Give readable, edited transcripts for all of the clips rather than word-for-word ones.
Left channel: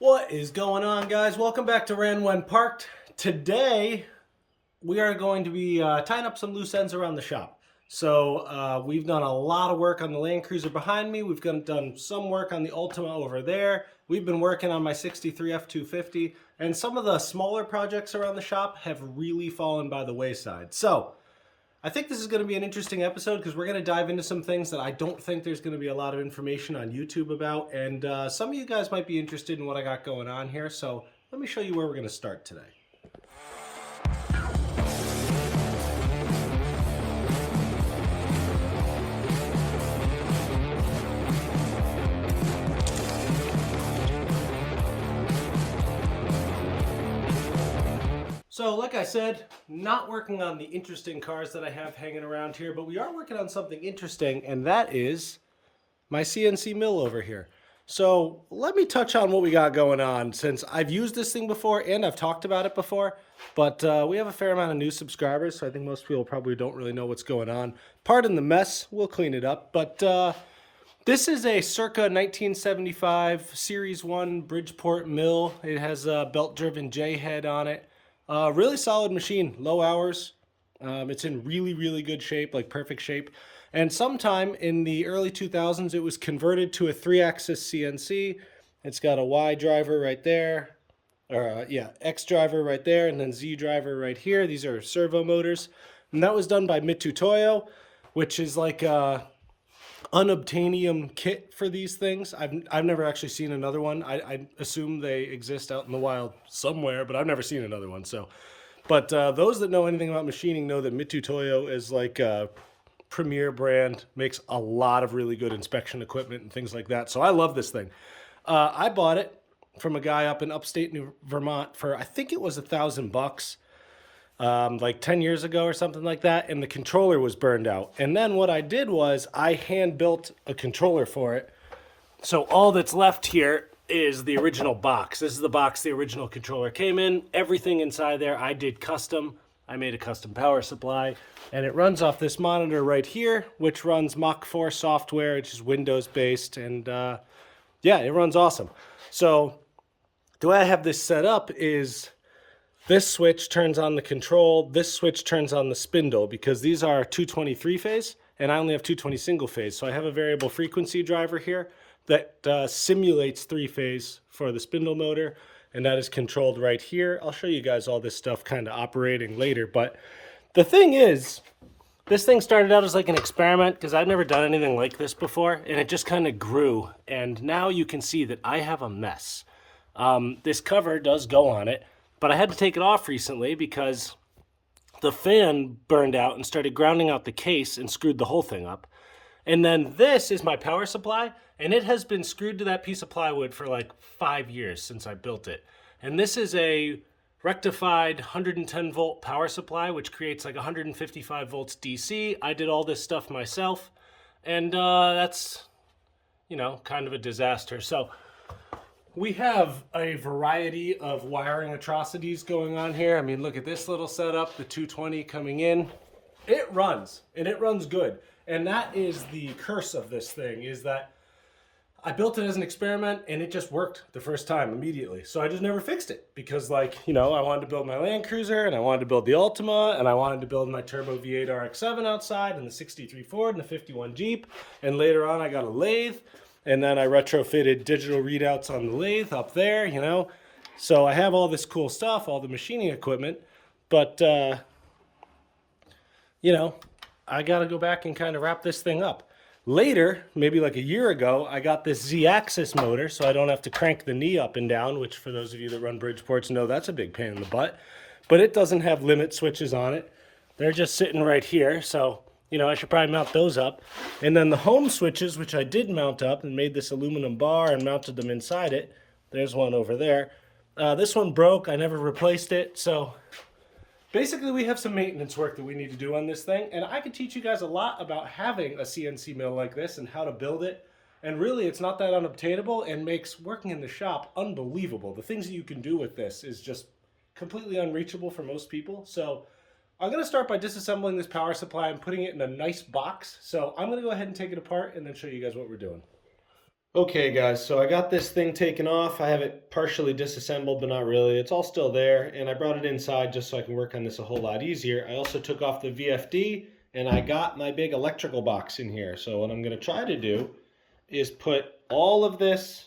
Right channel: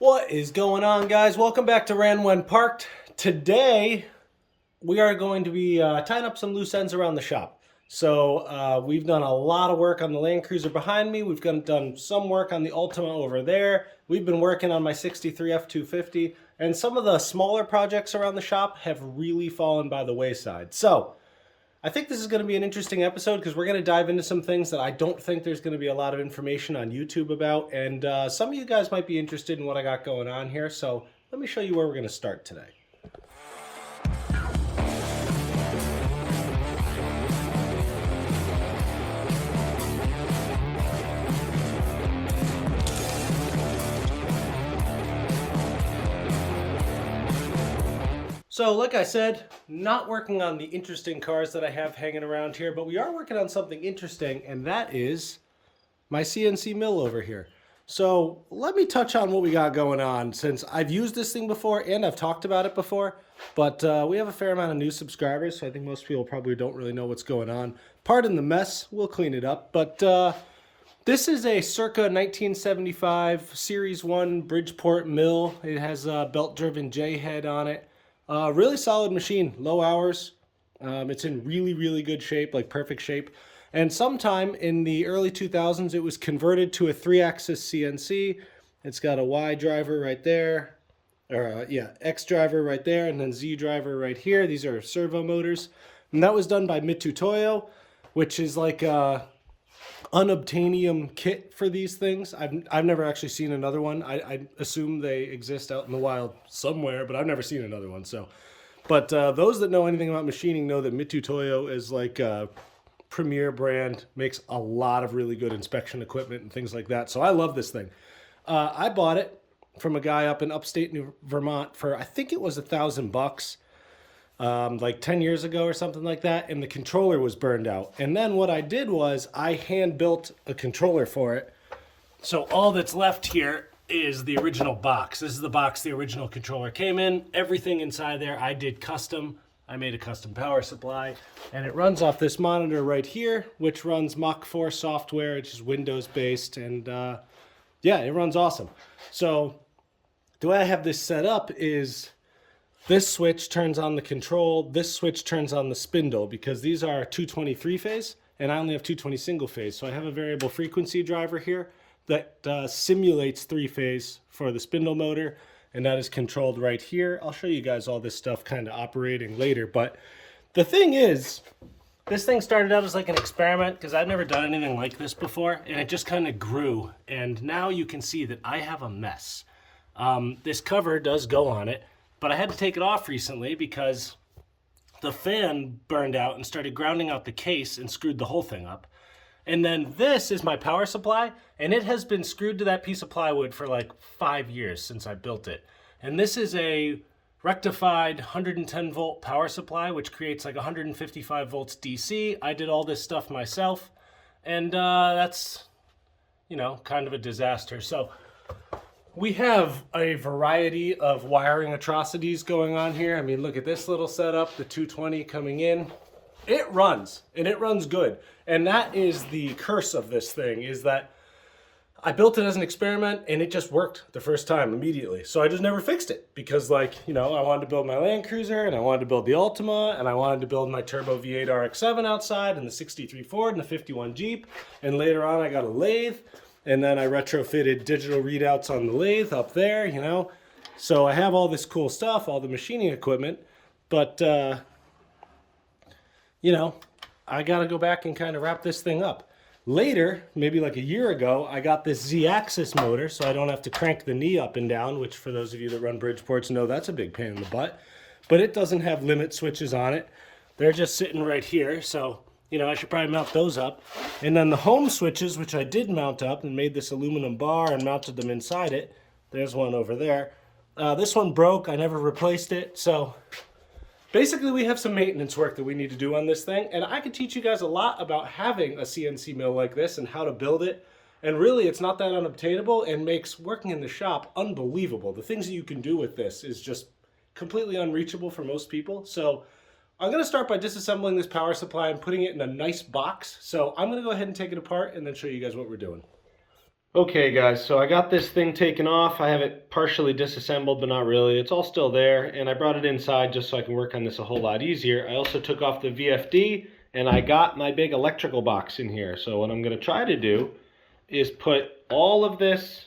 What is going on, guys? Welcome back to Ran When Parked. Today, we are going to be tying up some loose ends around the shop. So we've done a lot of work on the Land Cruiser behind me. We've done some work on the Ultima over there. We've been working on my 63 F250. And some of the smaller projects around the shop have really fallen by the wayside. So I think this is going to be an interesting episode because we're going to dive into some things that I don't think there's going to be a lot of information on YouTube about. And some of you guys might be interested in what I got going on here. So let me show you where we're going to start today. So like I said, not working on the interesting cars that I have hanging around here, but we are working on something interesting, and that is my CNC mill over here. So let me touch on what we got going on, since I've used this thing before and I've talked about it before, but we have a fair amount of new subscribers, so I think most people probably don't really know what's going on. Pardon the mess, we'll clean it up, but this is a circa 1975 Series 1 Bridgeport mill. It has a belt-driven J-head on it. Really solid machine, low hours. It's in really good shape, like perfect shape. And sometime in the early 2000s, it was converted to a 3-axis CNC. It's got a Y driver right there, or X driver right there, and then Z driver right here. These are servo motors. And that was done by Mitutoyo, which is like a unobtainium kit for these things. I've never actually seen another one. I assume they exist out in the wild somewhere, but I've never seen another one. So, but those that know anything about machining know that Mitutoyo is like a premier brand, makes a lot of really good inspection equipment and things like that. So I love this thing. I bought it from a guy up in upstate New Vermont for, I think it was $1,000. Like 10 years ago or something like that, and the controller was burned out. And then what I did was I hand built a controller for it. So all that's left here is the original box. This is the box the original controller came in. Everything inside there I did custom. I made a custom power supply, and it runs off this monitor right here, which runs Mach 4 software, which is Windows based, and yeah, it runs awesome. So the way I have this set up is this switch turns on the control, this switch turns on the spindle, because these are 223 phase and I only have 220 single phase. So I have a variable frequency driver here that simulates 3-phase for the spindle motor, and that is controlled right here. I'll show you guys all this stuff kind of operating later, but the thing is, this thing started out as like an experiment because I'd never done anything like this before, and it just kind of grew, and now you can see that I have a mess. This cover does go on it, but I had to take it off recently because the fan burned out and started grounding out the case and screwed the whole thing up. And then this is my power supply, and it has been screwed to that piece of plywood for like 5 years since I built it. And this is a rectified 110 volt power supply, which creates like 155 volts DC. I did all this stuff myself, and that's, you know, kind of a disaster. So we have a variety of wiring atrocities going on here. I mean, look at this little setup, the 220 coming in. It runs, and it runs good. And that is the curse of this thing, is that I built it as an experiment, and it just worked the first time immediately. So I just never fixed it because, like, you know, I wanted to build my Land Cruiser, and I wanted to build the Ultima, and I wanted to build my Turbo V8 RX-7 outside, and the 63 Ford, and the 51 Jeep. And later on, I got a lathe. And then I retrofitted digital readouts on the lathe up there, you know. So I have all this cool stuff, all the machining equipment, but, you know, I got to go back and kind of wrap this thing up. Later, maybe like a year ago, I got this Z-axis motor, so I don't have to crank the knee up and down, which for those of you that run Bridgeports know that's a big pain in the butt. But it doesn't have limit switches on it. They're just sitting right here, so you know, I should probably mount those up. And then the home switches, which I did mount up and made this aluminum bar and mounted them inside it. There's one over there. This one broke. I never replaced it. So basically we have some maintenance work that we need to do on this thing. And I can teach you guys a lot about having a CNC mill like this and how to build it. And really, it's not that unobtainable and makes working in the shop unbelievable. The things that you can do with this is just completely unreachable for most people. So I'm going to start by disassembling this power supply and putting it in a nice box. So I'm going to go ahead and take it apart and then show you guys what we're doing. Okay guys, so I got this thing taken off. I have it partially disassembled, but not really. It's all still there, and I brought it inside just so I can work on this a whole lot easier. I also took off the VFD, and I got my big electrical box in here. So what I'm going to try to do is put all of this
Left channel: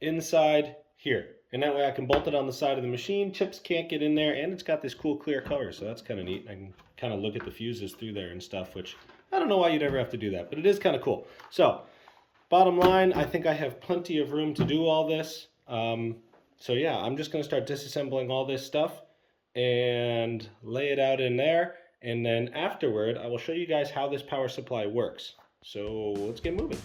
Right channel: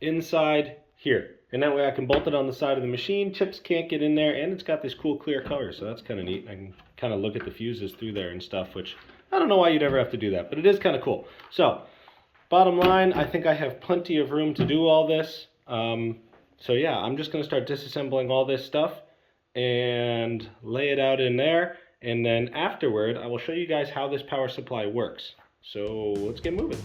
inside here. And that way I can bolt it on the side of the machine. Chips can't get in there, and it's got this cool clear cover, so that's kind of neat. I can kind of look at the fuses through there and stuff, which I don't know why you'd ever have to do that, but it is kind of cool. So bottom line, I think I have plenty of room to do all this. So yeah, I'm just going to start disassembling all this stuff and lay it out in there. And then afterward, I will show you guys how this power supply works. So let's get moving.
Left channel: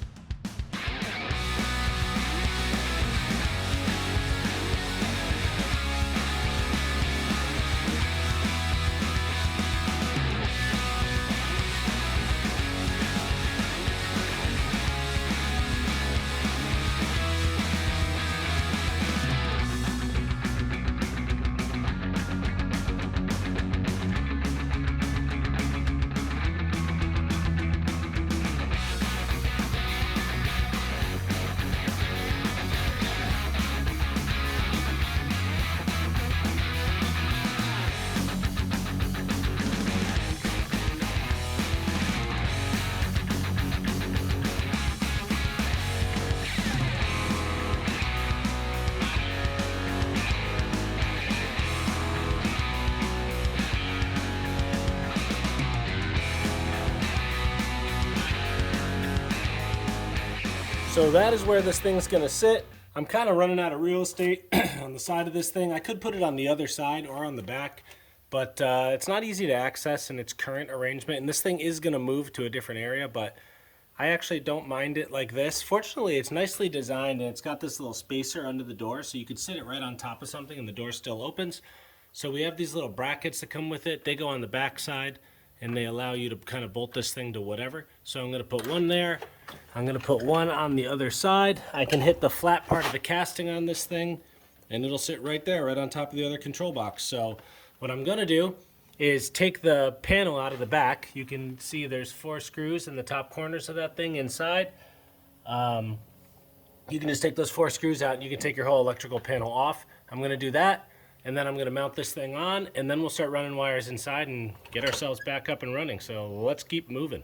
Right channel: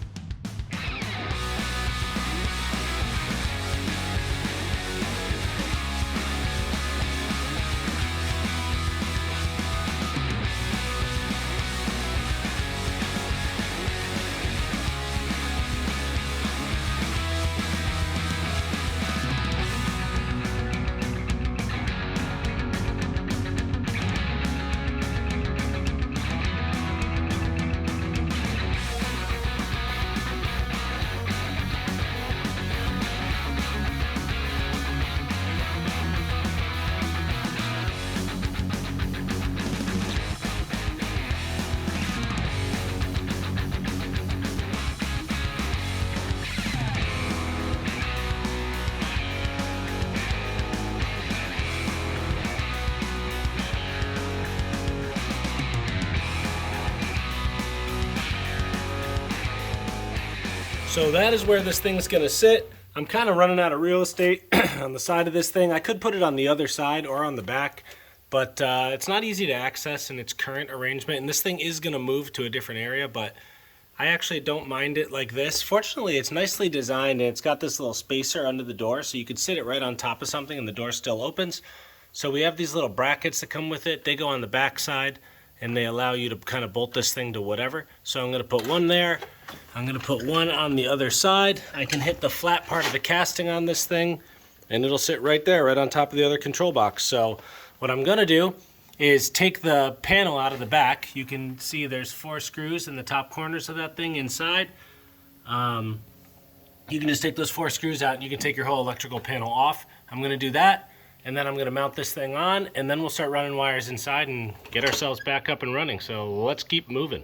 So that is where this thing's gonna sit. I'm kind of running out of real estate on the side of this thing. I could put it on the other side or on the back, but it's not easy to access in its current arrangement. And this thing is gonna move to a different area, but I actually don't mind it like this. Fortunately, it's nicely designed and it's got this little spacer under the door, so you could sit it right on top of something and the door still opens. So we have these little brackets that come with it. They go on the back side and they allow you to kind of bolt this thing to whatever. So I'm gonna put one there. I'm gonna put one on the other side. I can hit the flat part of the casting on this thing and it'll sit right there, right on top of the other control box. So what I'm gonna do is take the panel out of the back. You can see there's 4 screws in the top corners of that thing inside. You can just take those 4 screws out and you can take your whole electrical panel off. I'm gonna do that, and then I'm gonna mount this thing on, and then we'll start running wires inside and get ourselves back up and running. So let's keep moving.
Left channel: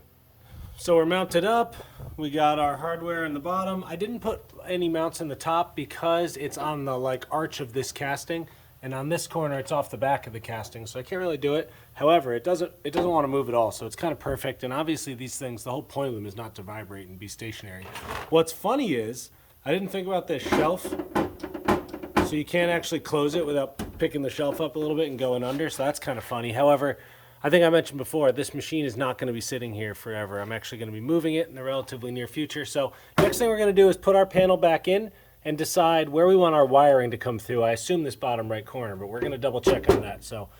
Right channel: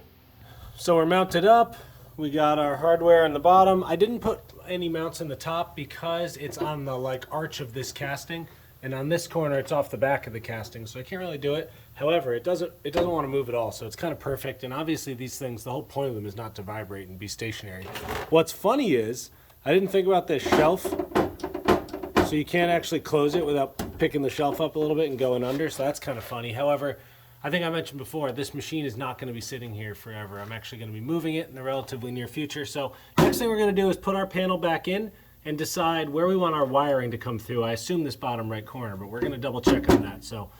So we're mounted up. We got our hardware in the bottom. I didn't put any mounts in the top because it's on the arch of this casting, and on this corner it's off the back of the casting, so I can't really do it. However, it doesn't want to move at all, so it's kind of perfect. And obviously these things, the whole point of them is not to vibrate and be stationary. What's funny is I didn't think about this shelf, so you can't actually close it without picking the shelf up a little bit and going under, so that's kind of funny. However, I think I mentioned before, this machine is not going to be sitting here forever. I'm actually going to be moving it in the relatively near future. So next thing we're going to do is put our panel back in and decide where we want our wiring to come through. I assume this bottom right corner, but we're going to double check on that. So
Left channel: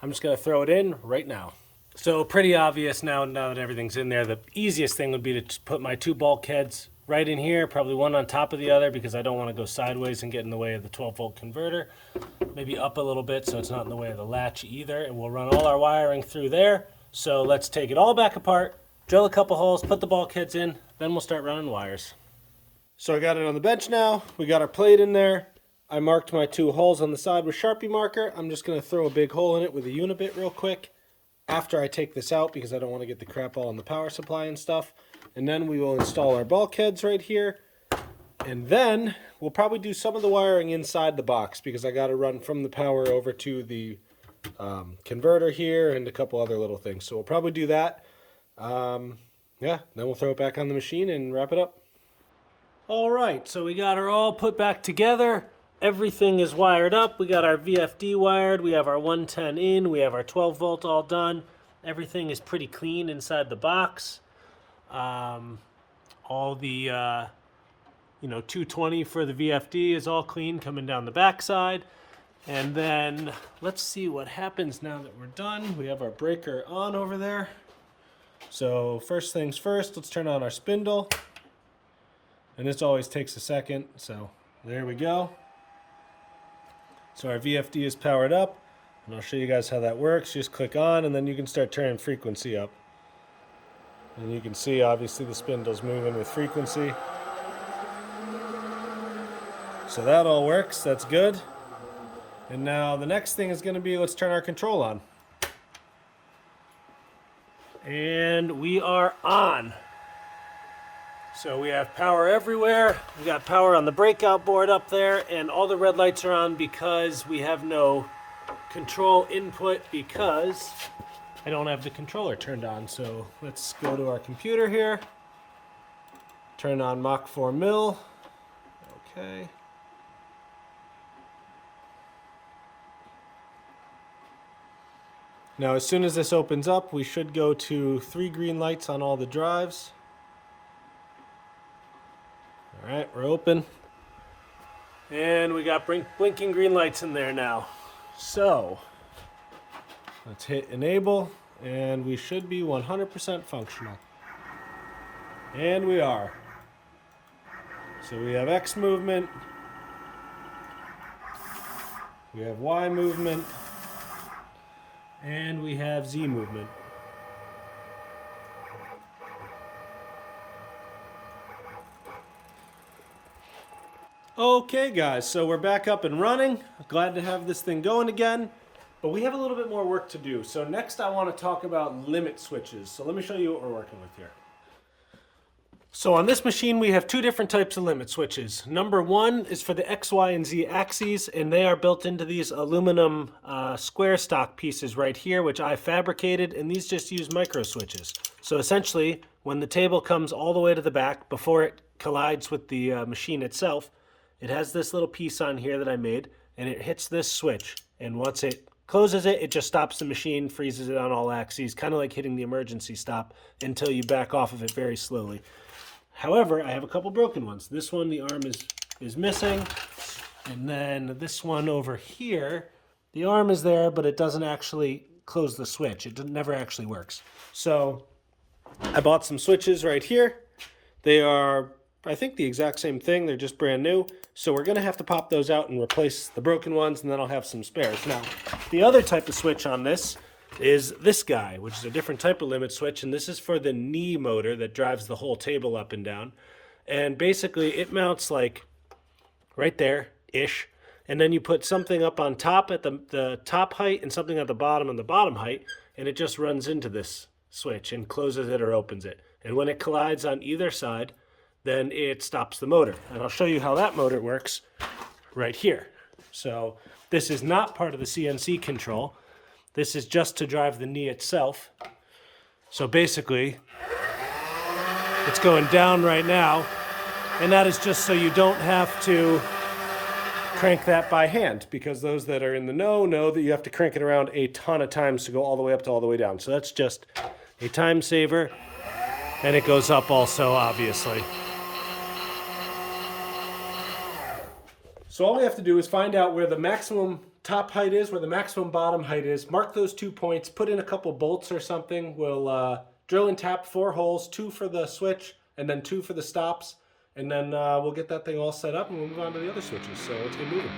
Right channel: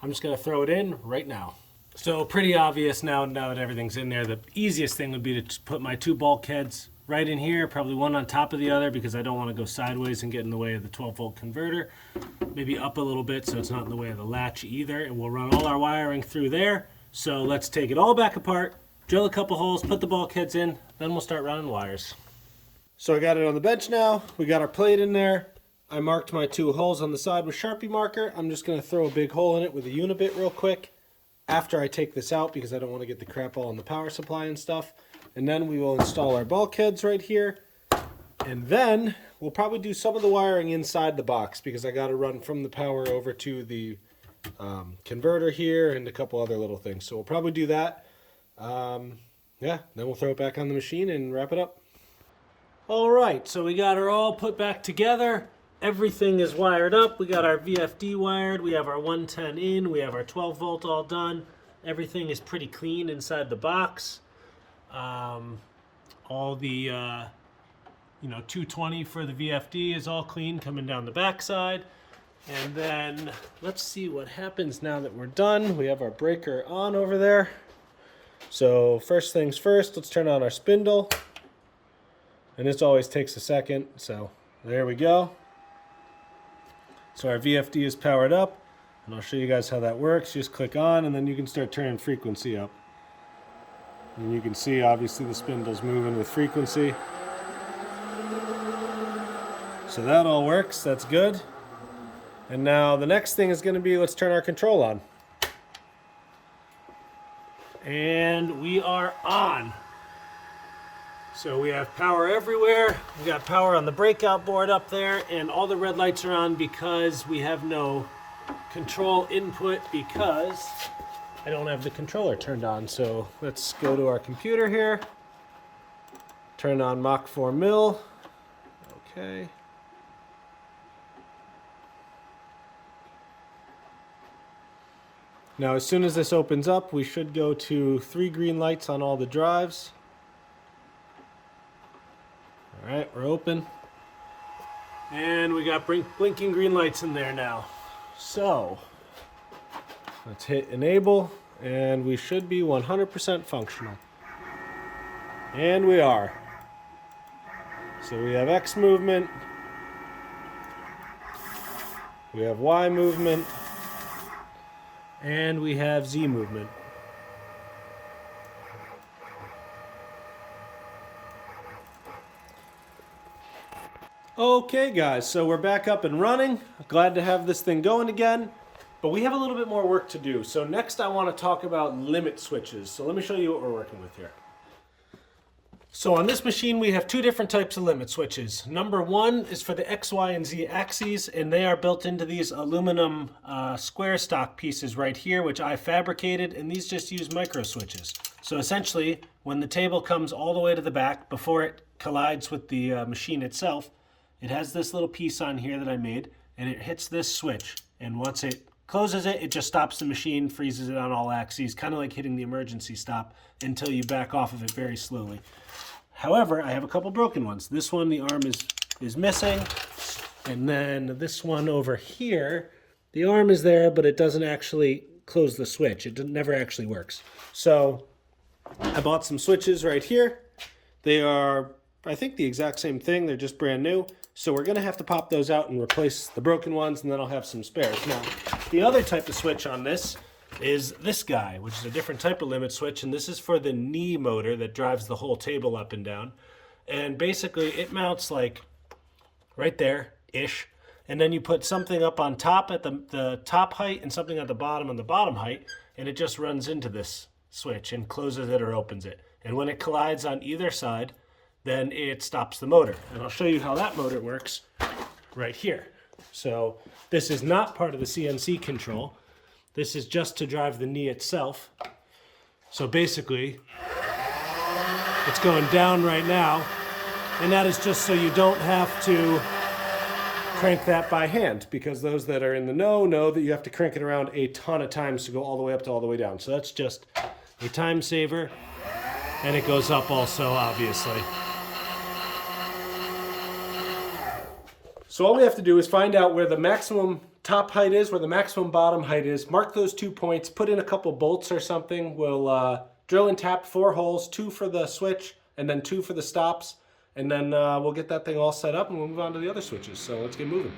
I'm just going to throw it in right now. So pretty obvious now that everything's in there. The easiest thing would be to just put my 2 bulkheads right in here, probably one on top of the other because I don't want to go sideways and get in the way of the 12-volt converter. Maybe up a little bit so it's not in the way of the latch either, and we'll run all our wiring through there. So let's take it all back apart, drill a couple holes, put the bulkheads in, then we'll start running wires. So I got it on the bench now. We got our plate in there. I marked my 2 holes on the side with Sharpie marker. I'm just going to throw a big hole in it with a unibit real quick after I take this out because I don't want to get the crap all in the power supply and stuff. And then we will install our bulkheads right here. And then we'll probably do some of the wiring inside the box because I got to run from the power over to the converter here and a couple other little things. So we'll probably do that. Yeah, then we'll throw it back on the machine and wrap it up. All right, so we got her all put back together. Everything is wired up. We got our VFD wired. We have our 110 in. We have our 12 volt all done. Everything is pretty clean inside the box. All the 220 for the VFD is all clean coming down the back side. And then let's see what happens now that we're done. We have our breaker on over there. So first things first, let's turn on our spindle. And this always takes a second, so there we go. So our VFD is powered up, and I'll show you guys how that works. Just click on, and then you can start turning frequency up. And you can see, obviously, the spindle's moving with frequency. So that all works, that's good. And now the next thing is gonna be, let's turn our control on. And we are on. So we have power everywhere. We got power on the breakout board up there, and all the red lights are on because we have no control input because I don't have the controller turned on. So let's go to our computer here. Turn on Mach 4 mil. Okay. Now as soon as this opens up, we should go to 3 green lights on all the drives. All right, we're open. And we got blinking green lights in there now. So let's hit enable and we should be 100% functional. And we are. So we have X movement, we have Y movement, and we have Z movement. Okay guys, so we're back up and running. Glad to have this thing going again, but we have a little bit more work to do. So next I want to talk about limit switches. So let me show you what we're working with here. So on this machine we have 2 different types of limit switches. Number 1 is for the X, Y, and Z axes, and they are built into these aluminum square stock pieces right here, which I fabricated, and these just use micro switches. So essentially, when the table comes all the way to the back, before it collides with the machine itself, it has this little piece on here that I made, and it hits this switch. And once it closes it, it just stops the machine, freezes it on all axes, kind of like hitting the emergency stop until you back off of it very slowly. However, I have a couple broken ones. This one, the arm is missing. And then this one over here, the arm is there, but it doesn't actually close the switch. It never actually works. So I bought some switches right here. They are, I think, the exact same thing. They're just brand new. So we're gonna have to pop those out and replace the broken ones, and then I'll have some spares. Now, the other type of switch on this is this guy, which is a different type of limit switch, and this is for the knee motor that drives the whole table up and down. And basically it mounts like right there-ish, and then you put something up on top at the top height and something at the bottom height, and it just runs into this switch and closes it or opens it. And when it collides on either side, then it stops the motor. And I'll show you how that motor works right here. So this is not part of the CNC control. This is just to drive the knee itself. So basically, it's going down right now, and that is just so you don't have to crank that by hand, because those that are in the know that you have to crank it around a ton of times to go all the way up to all the way down. So that's just a time saver, and it goes up also, obviously. So all we have to do is find out where the maximum top height is, where the maximum bottom height is, mark those 2 points, put in a couple bolts or something. We'll drill and tap 4 holes, 2 for the switch and then 2 for the stops, and then we'll get that thing all set up and we'll move on to the other switches. So let's get moving.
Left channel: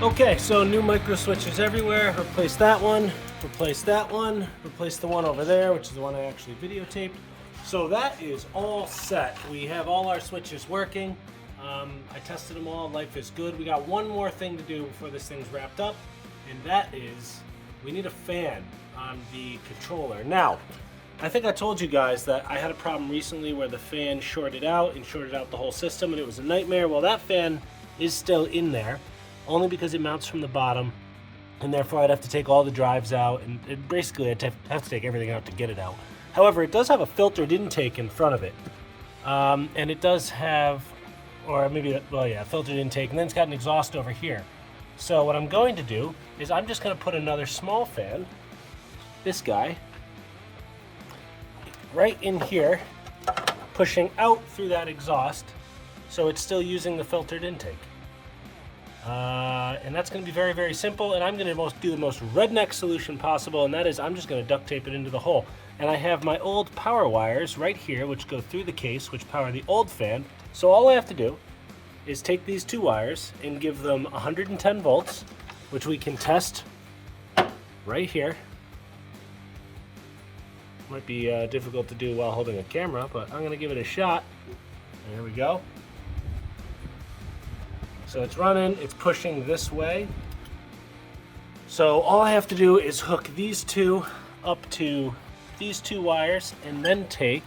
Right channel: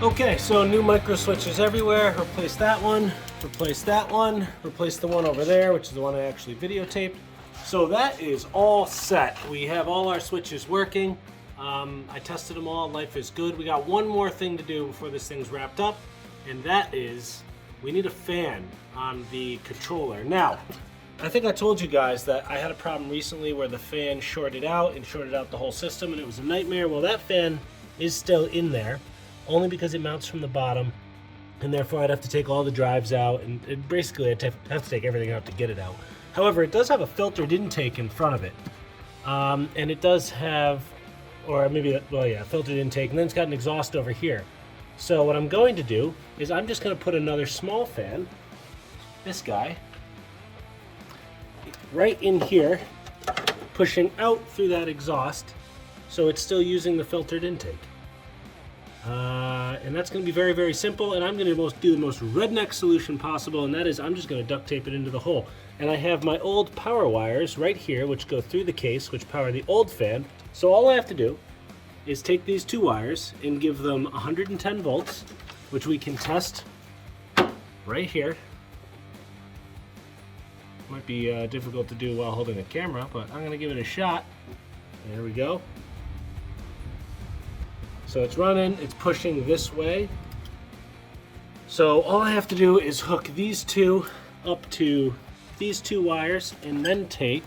Okay, so new micro switches everywhere. Replace that one, replace that one, replace the one over there, which is the one I actually videotaped. So that is all set. We have all our switches working. I tested them all, life is good. We got one more thing to do before this thing's wrapped up, and that is we need a fan on the controller. Now, I think I told you guys that I had a problem recently where the fan shorted out and shorted out the whole system, and it was a nightmare. Well, that fan is still in there, only because it mounts from the bottom, and therefore I'd have to take all the drives out, and basically I'd have to take everything out to get it out. However, it does have a filtered intake in front of it, and it does have, or maybe, well, yeah, filtered intake, and then it's got an exhaust over here. So what I'm going to do is I'm just going to put another small fan, this guy, right in here, pushing out through that exhaust, so it's still using the filtered intake. And that's going to be very, very simple, and I'm going to do the most redneck solution possible, and that is I'm just going to duct tape it into the hole. And I have my old power wires right here, which go through the case, which power the old fan. So all we have to do is take these two wires and give them 110 volts, which we can test right here. Might be difficult to do while holding a camera, but I'm going to give it a shot. Here we go. So it's running, it's pushing this way. So all I have to do is hook these two up to these two wires, and then take,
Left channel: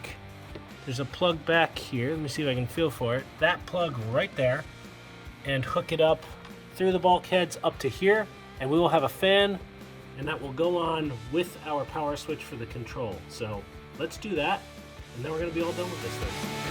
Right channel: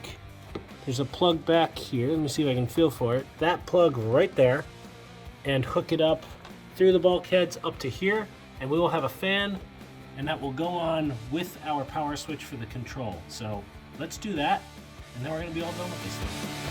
there's a plug back here, let me see if I can feel for it, that plug right there, and hook it up through the bulkheads up to here, and we will have a fan, and that will go on with our power switch for the control. So let's do that, and then we're going to be all done with this thing.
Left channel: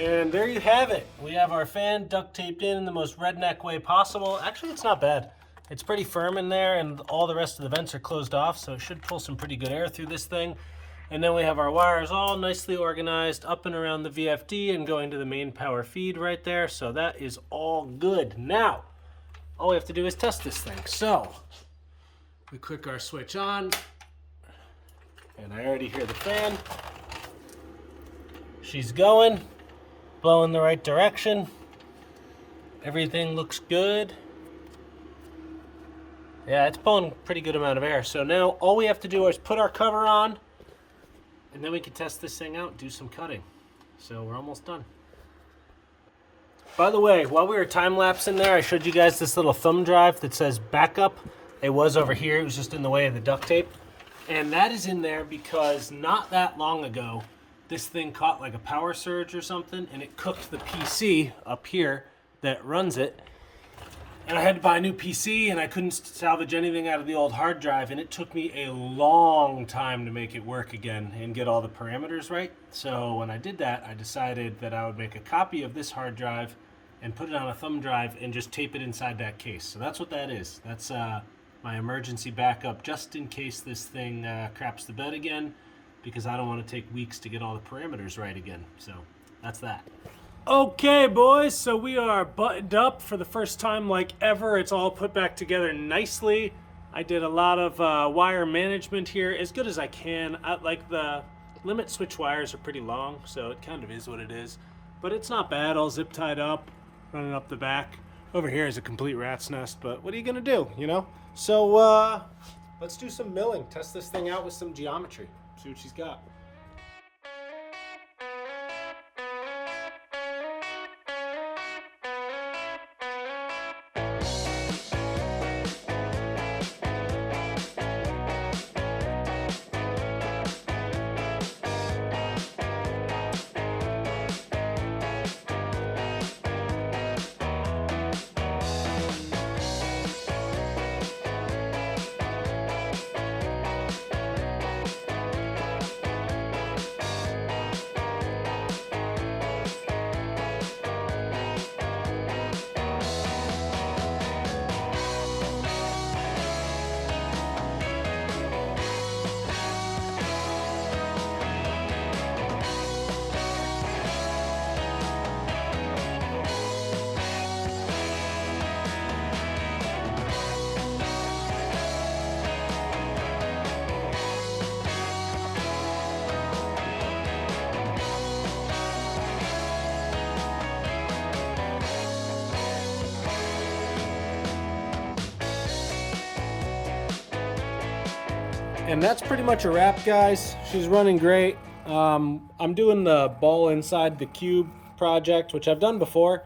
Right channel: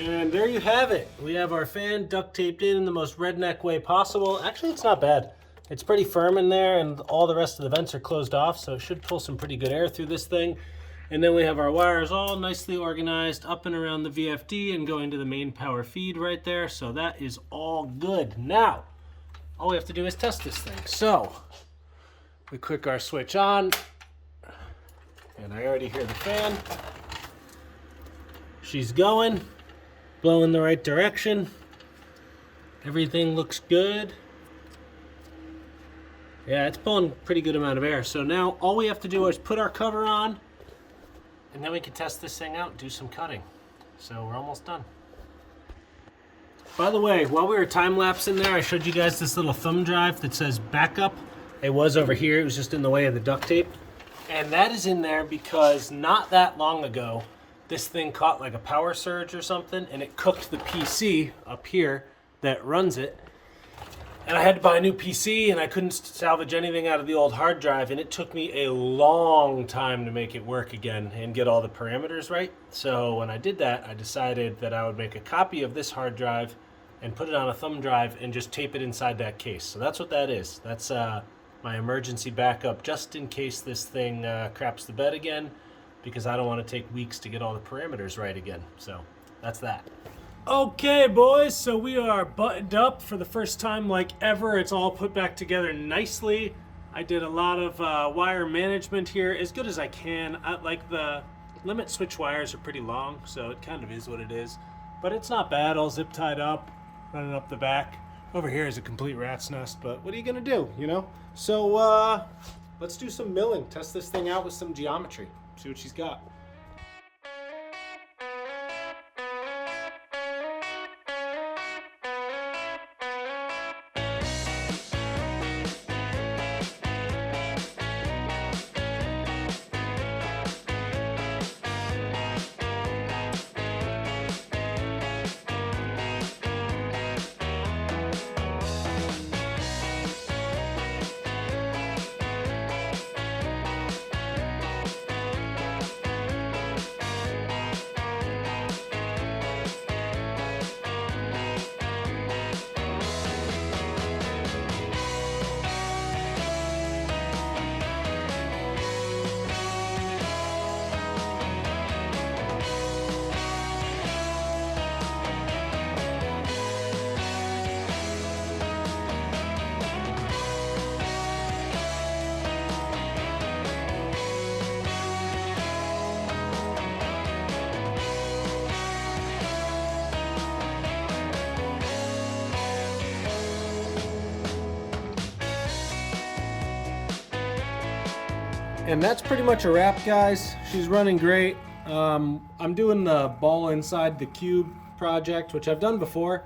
And there you have it. We have our fan duct taped in the most redneck way possible. Actually, it's not bad. It's pretty firm in there, and all the rest of the vents are closed off, so it should pull some pretty good air through this thing. And then we have our wires all nicely organized up and around the VFD and going to the main power feed right there. So that is all good. Now, all we have to do is test this thing. So we click our switch on, and I already hear the fan. She's going. Blowing the right direction. Everything looks good. Yeah, it's pulling a pretty good amount of air. So now all we have to do is put our cover on, and then we can test this thing out and do some cutting. So we're almost done. By the way, while we were time-lapsing there, I showed you guys this little thumb drive that says backup. It was over here. It was just in the way of the duct tape. And that is in there because not that long ago, this thing caught like a power surge or something, and it cooked the PC up here that runs it. And I had to buy a new PC, and I couldn't salvage anything out of the old hard drive, and it took me a long time to make it work again and get all the parameters right. So when I did that, I decided that I would make a copy of this hard drive and put it on a thumb drive and just tape it inside that case. So that's what that is. That's my emergency backup, just in case this thing craps the bed again, because I don't want to take weeks to get all the parameters right again. So that's that. Okay, boys, so we are buttoned up for the first time like ever. It's all put back together nicely. I did a lot of wire management here, as good as I can. Like the limit switch wires are pretty long, so it kind of is what it is. But it's not bad, all zip tied up, running up the back. Over here is a complete rat's nest, but what are you gonna do, you know? So let's do some milling, test this thing out with some geometry. See what she's got. And that's pretty much a wrap, guys. She's running great. I'm doing the ball inside the cube project, which I've done before,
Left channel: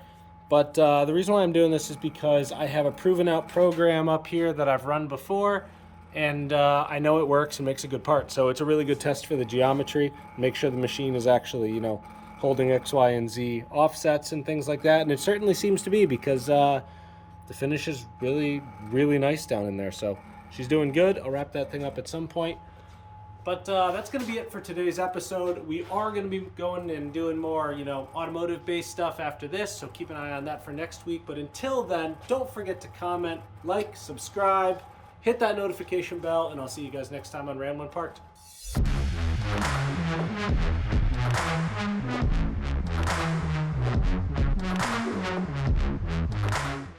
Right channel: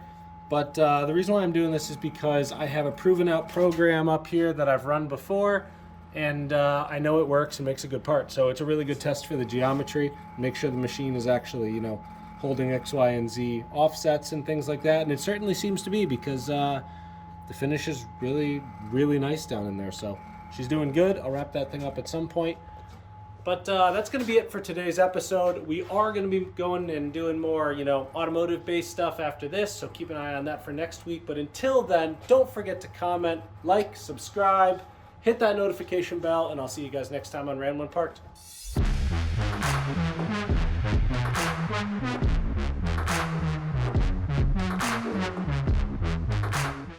but the reason why I'm doing this is because I have a proven out program up here that I've run before, and I know it works and makes a good part. So it's a really good test for the geometry, make sure the machine is actually, you know, holding X, Y, and Z offsets and things like that. And it certainly seems to be, because the finish is really, really nice down in there. So she's doing good. I'll wrap that thing up at some point. But that's going to be it for today's episode. We are going to be going and doing more, you know, automotive-based stuff after this, so keep an eye on that for next week. But until then, don't forget to comment, like, subscribe, hit that notification bell, and I'll see you guys next time on Ramblin' Parked.